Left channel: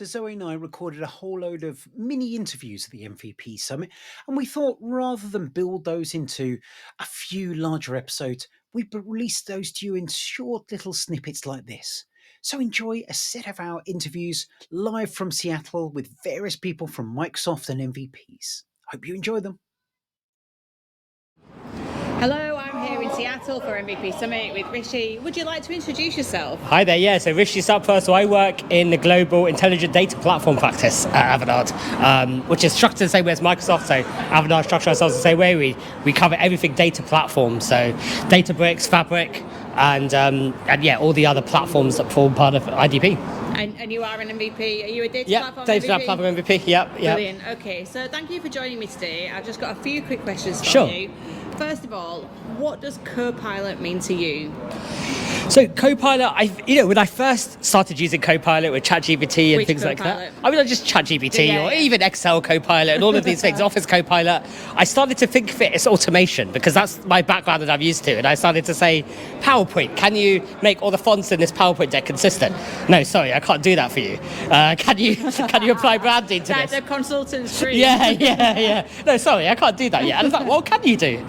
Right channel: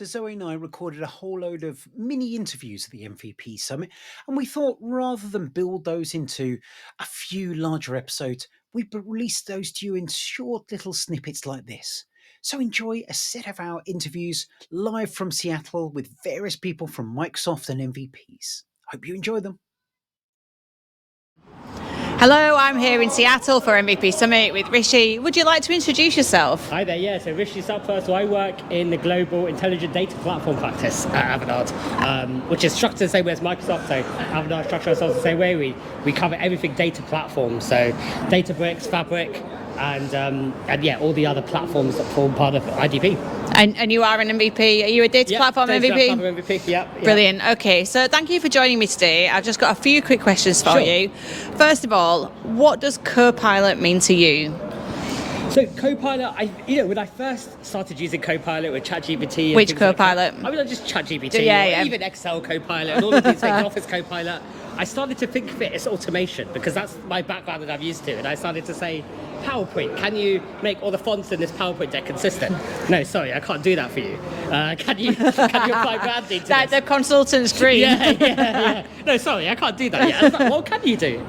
So Zoe and I recorded a whole load of mini interviews at the MVP Summit, and we thought rather than build those into a few larger episodes, we'd release those to you in short little snippets like this. So enjoy a set of our interviews live from Seattle with various people from Microsoft and MVPs. Hope you enjoy them. Hello, I'm here in Seattle for MVP Summit with Rishi. Would you like to introduce yourself? Hi there, yeah, so Rishi Sapra. So I work in the global intelligent data platform practice at Avanade, which is structured the same way as Microsoft. So Avanade structures ourselves the same way. We cover everything data platform, so Databricks, Fabric, and yeah, all the other platforms that form part of IDP. And you are an MVP. Are you a data platform data MVP? Platform MVP, yep. Brilliant. Okay, so thank you for joining me today. I've just got a few quick questions for Sure. you. First of all, what does Copilot mean to you? So Copilot, when I first started using Copilot with ChatGPT and Which things Copilot? like that, I mean, just ChatGPT Yeah. or even Excel Copilot and all of these things, Office Copilot, I started to think of it as automation because that's my background that I'm used to. And I started to say, PowerPoint, can you make all the fonts in this PowerPoint deck consistent? No, sorry, I can't do that for you. Can you apply branding to Like this? the consultant's dream. Yeah. No, sorry, I can't do that yet. I was like, what can you do?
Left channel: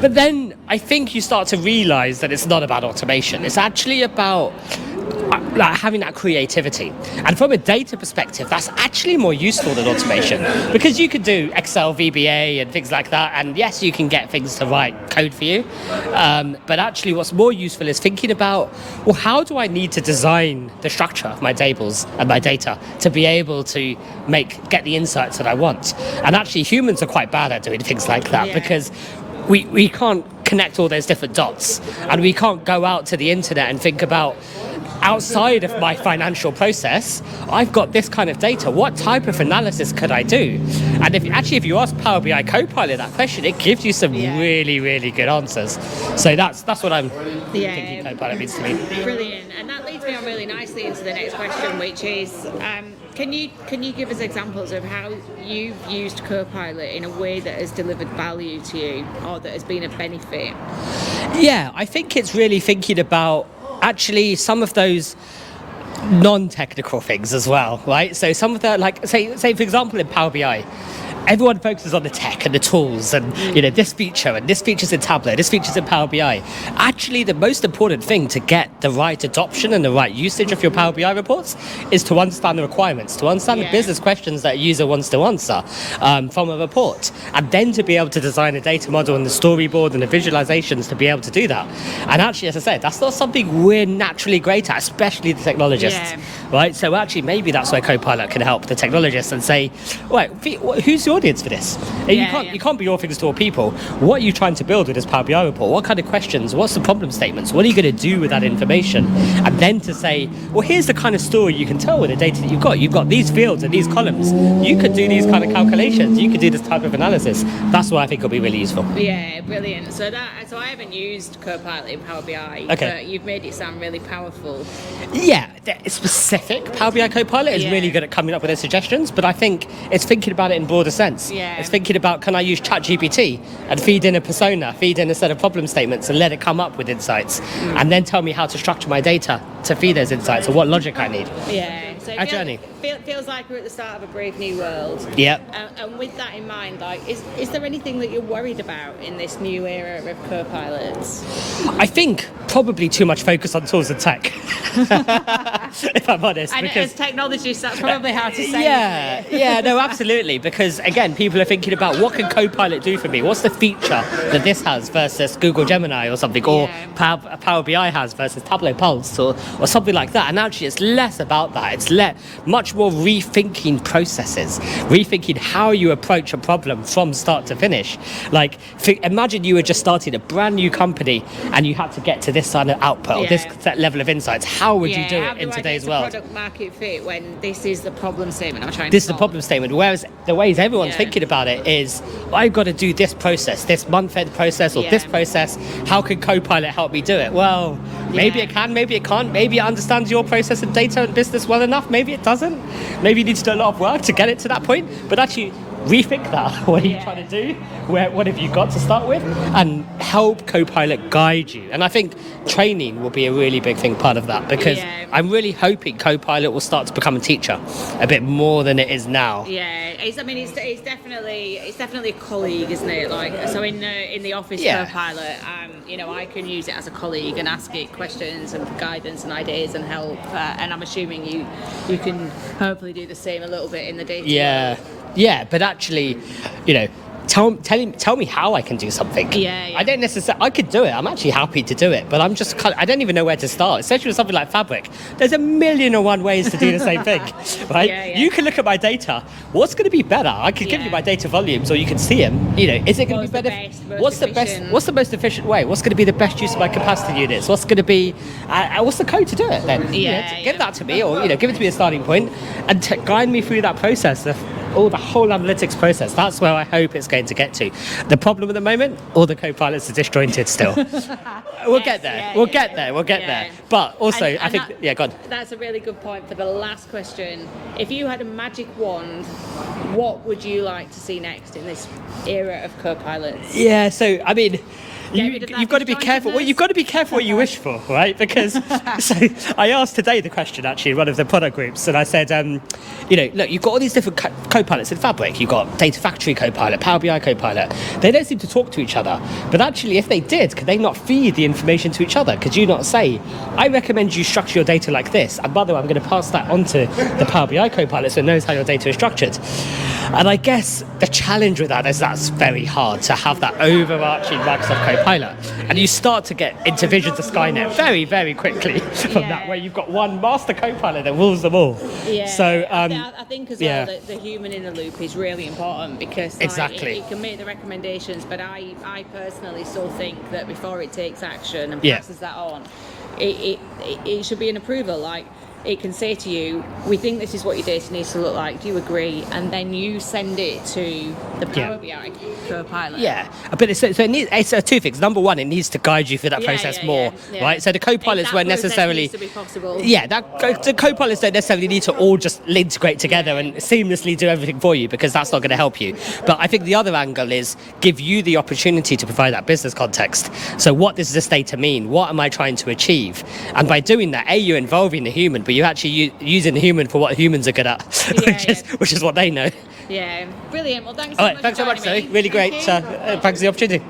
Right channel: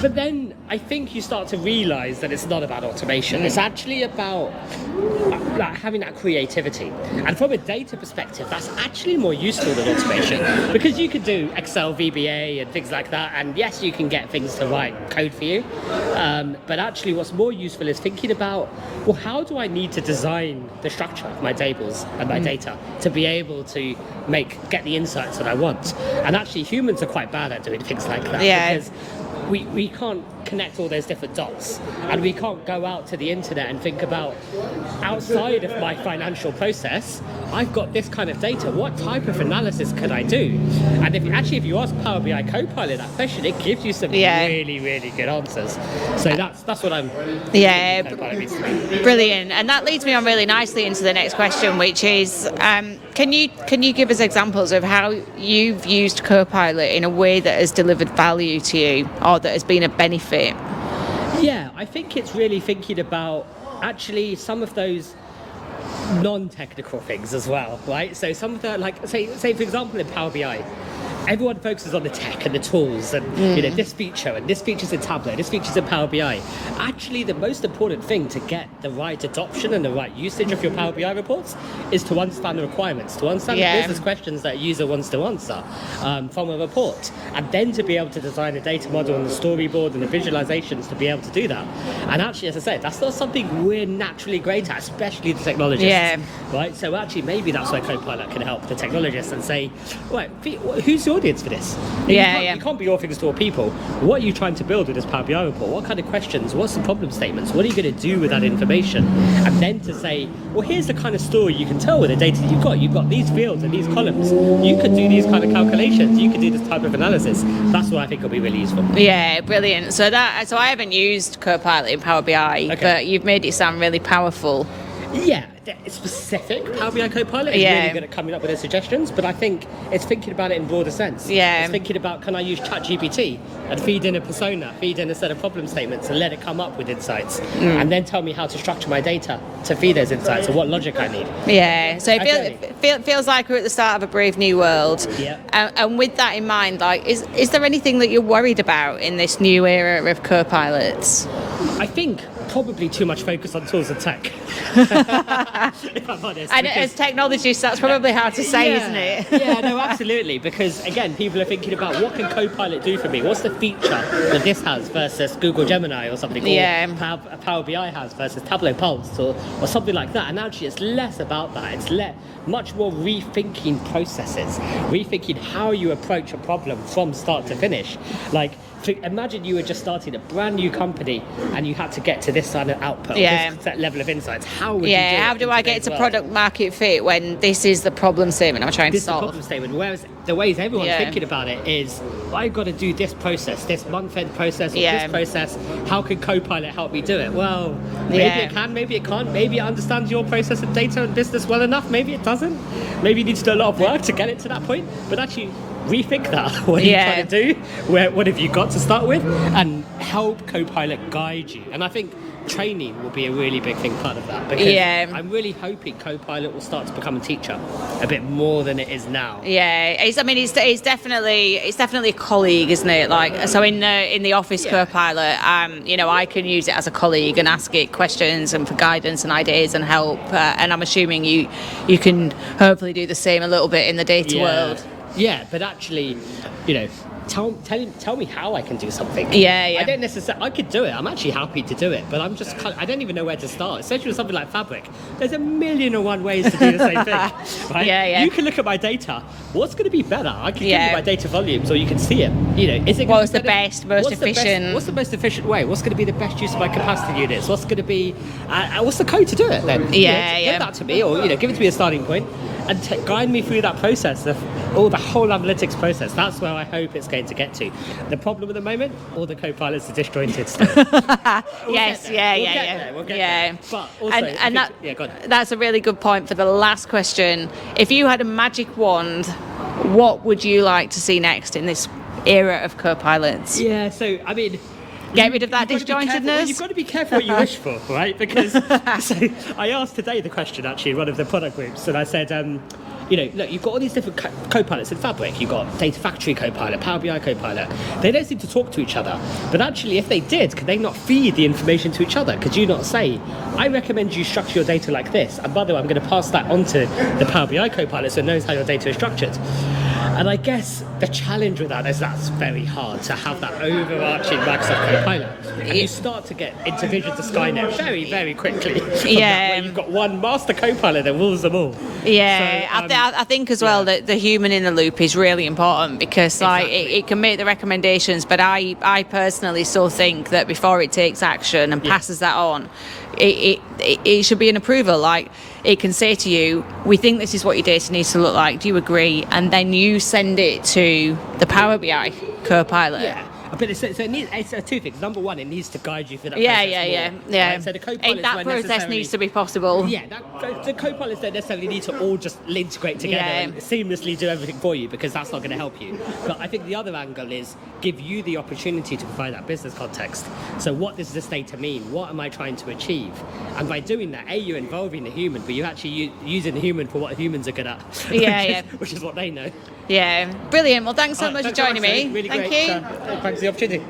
But then I think you start to realise that it's not about automation. It's actually about like having that creativity. And from a data perspective, that's actually more useful than automation because you can do Excel VBA and things like that. And yes, you can get things to write code for you. But actually what's more useful is thinking about, well, how do I need to design the structure of my tables and my data to be able to get the insights that I want? And actually humans are quite bad at doing things like that because we can't connect all those different dots, and we can't go out to the internet and think about, outside of my financial process, I've got this kind of data. What type of analysis could I do? And if you ask Power BI Copilot that question, it gives you some really, really good answers. So that's what I'm thinking Copilot means to me. Brilliant. And that leads me on really nicely into the next question, which is, can you give us examples of how you've used Copilot in a way that has delivered value to you or that has been a benefit? Yeah, I think it's really thinking about actually some of those non-technical things as well, right? So some of the, like, say for example in Power BI, everyone focuses on the tech and the tools and this feature's in Tableau, this feature's in Power BI. Actually, the most important thing to get the right adoption and the right usage of your Power BI reports is to understand the requirements, to understand the business questions that a user wants to answer from a report, and then to be able to design a data model and the storyboard and the visualizations to be able to do that. And actually, as I said, that's not something we're naturally great at, especially the technologists, right? So actually, maybe that's where Copilot can help the technologists and say, right, who's your audience for this? You can't be all things to all people. What are you trying to build with this Power BI report? What kind of questions? What's the problem statements? What are you going to do with that information? And then to say, well, here's the kind of story you can tell with the data that you've got. You've got these fields and these columns. You could do these kind of calculations. You could do this type of analysis. That's what I think will be really useful. Yeah, brilliant. So I haven't used Copilot in Power BI, but you've made it sound really powerful. Yeah, specific Power BI Copilot is really good at coming up with their suggestions, but I think it's thinking about it in broader sense. It's thinking about, can I use ChatGPT and feed in a persona, feed in a set of problem statements and let it come up with insights, and then tell me how to structure my data to feed those insights or what logic I need. Yeah, so it feels like we're at the start of a brave new world. And with that in mind, like, is there anything that you're worried about in this new era of Copilots? I think probably too much focus on tools and tech, if I'm honest. And as technologists, that's probably hard to say, isn't it? Yeah, no, absolutely. Because again, people are thinking about, what can Copilot do for me? What's the feature that this has versus Google Gemini or something, or Power BI has versus Tableau Pulse or something like that. And actually, it's less about that. It's much more rethinking processes, rethinking how you approach a problem from start to finish. Like, imagine you were just starting a brand new company and you had to get to this kind of output, or this level of insights. How would you do it? How do I get to product market fit when this is the problem statement I'm trying to solve? This is the problem statement. Whereas the ways everyone's thinking about it is, I've got to do this process, this month-end process, or this process. How can Copilot help me do it? Well, maybe it can, maybe it can't. Maybe it understands your process and data and business well enough. Maybe it doesn't. Maybe you need to do a lot of work to get it to that point. But actually, rethink that. What are you trying to do? What have you got to start with? And help Copilot guide you. And I think training will be a really big thing part of that, because I'm really hoping Copilot will start to become a teacher a bit more than it is now. Yeah, it's definitely a colleague, isn't it? Like, so in the office Copilot, I can use it as a colleague and ask it questions and for guidance and ideas and help. And I'm assuming you can hopefully do the same a little bit in the data world. Yeah, but actually, tell me how I can do something. Yeah. I don't necessarily. I could do it. I'm actually happy to do it, but I'm just I don't even know where to start. Especially with something like Fabric, there's 1,000,001 ways to do the same thing. Right? Yeah. You can look at my data. What's going to be better? I can give you my data volumes, or you can see them. Is it? What's the best, most efficient? What's the most efficient way? What's going to be the best use of my capacity units? What's going to be? What's the code to do it then? Give that to me, or give it to me a starting point, and guide me through that process. The whole analytics process. That's where I hope it's going to get to. The problem at the moment, all the Copilots are disjointed still. We'll get there. We'll get there. But also, I think, go on. That's a really good point for the last question. If you had a magic wand, what would you like to see next in this era of Copilots? Yeah, so, I mean... Get rid of that you've got to be careful. Well, you've got to be careful what you wish for, right? Because so I asked today the question actually in one of the product groups, and I said, look, you've got all these different Copilots in Fabric. You've got Data Factory Copilot, Power BI Copilot. They don't seem to talk to each other. But actually, if they did, could they not feed the information to each other? Could you not say, I recommend you structure your data like this, and by the way, I'm going to pass that on to the Power BI Copilot so it knows how your data is structured. And I guess the challenge with that is that's very hard to have that overarching Microsoft Copilot. And you start to get into Visions of Skynet very, very quickly. That, where you've got one master Copilot that rules them all. Yeah, so, I think as well that the human in the loop is really important, because it can make the recommendations, but I personally still think that before it takes action and passes that on, it should be an approval. Like, it can say to you, we think this is what your data needs to look like, do you agree? And then you send it to the Power BI Copilot. Yeah, but it's two things. Number one, it needs to guide you through that process more. Right? So the Copilots won't necessarily... needs to be possible. Yeah, the Copilots don't necessarily need to all just integrate together and seamlessly do everything for you, because that's not going to help you. But I think the other angle is give you the opportunity to provide that business context. So what does this data mean? What am I trying to achieve? And by doing that, you're involving the human, but you're actually using the human for what humans are good at, which is what they know. Yeah, brilliant. Well, thanks so much for joining me. Really great. Thanks for the opportunity.